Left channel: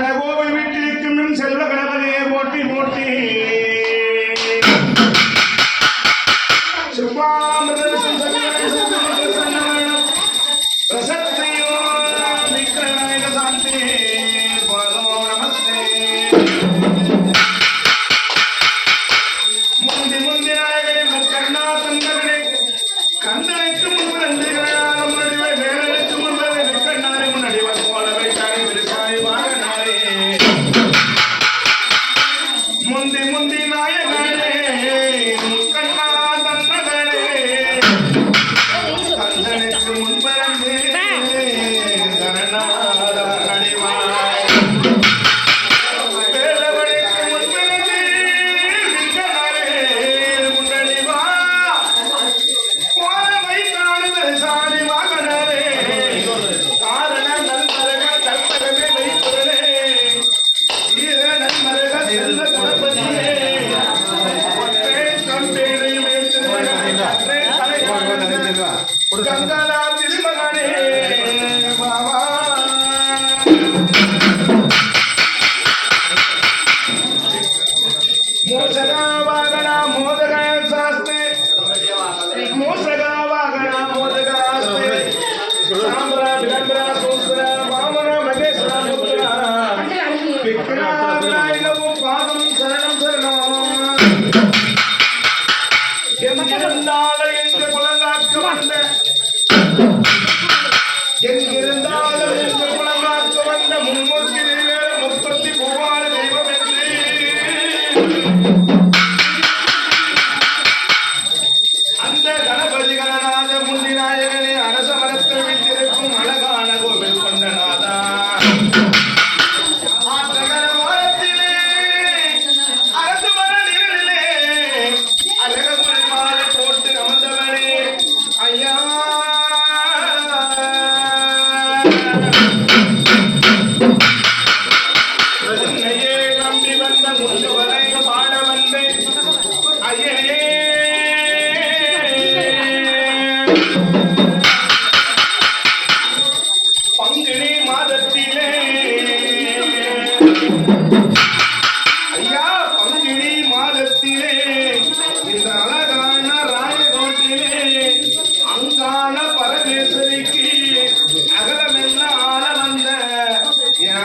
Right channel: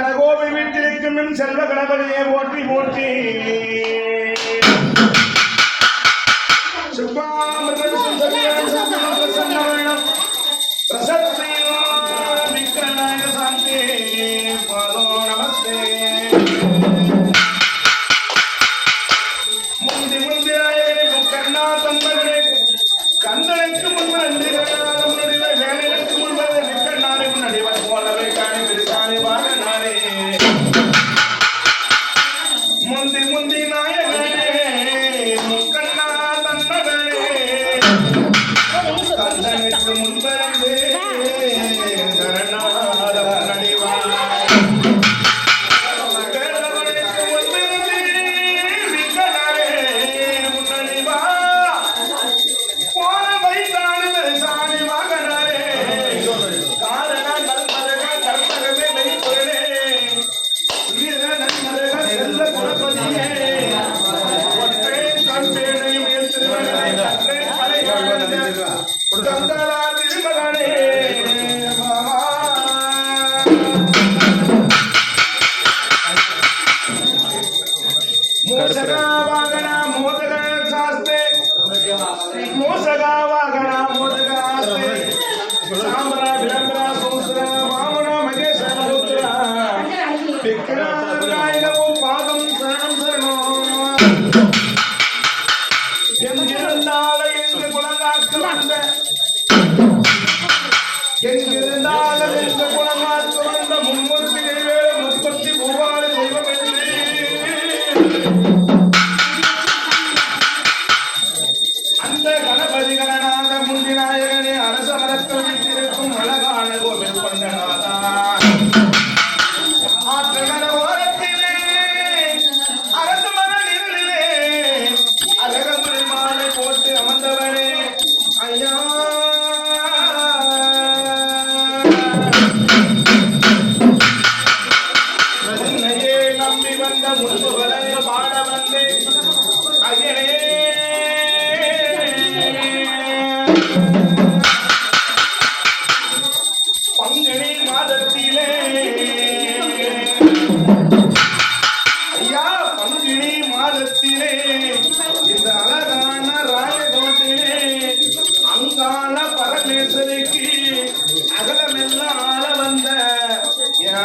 அழகோவில் வீட்டிருக்கும் செல்வ கணவனையே ஓட்டி ஓட்டி మోసగా వాగణ మోదగా శాస్త్రి మోసగా వాగణ మోదగా సాంబర విడంబర సూత్ర వామన మహేశ్వర సూత్ర విఘ్నాయనము పాదం శరణం శరణం. சித்த கணபதிகரநாத முந்திநாயகனே அரசமரத்தில் வீட்டிருக்கும் அழகான கோவில் கொண்ட நாதா ரோகிணி மாதத்திலே இந்த அழகான ராயகோட்டிலே அங்காள பரமேஸ்வரிக்கு அகலமெல்லாம் ஆள வந்த என்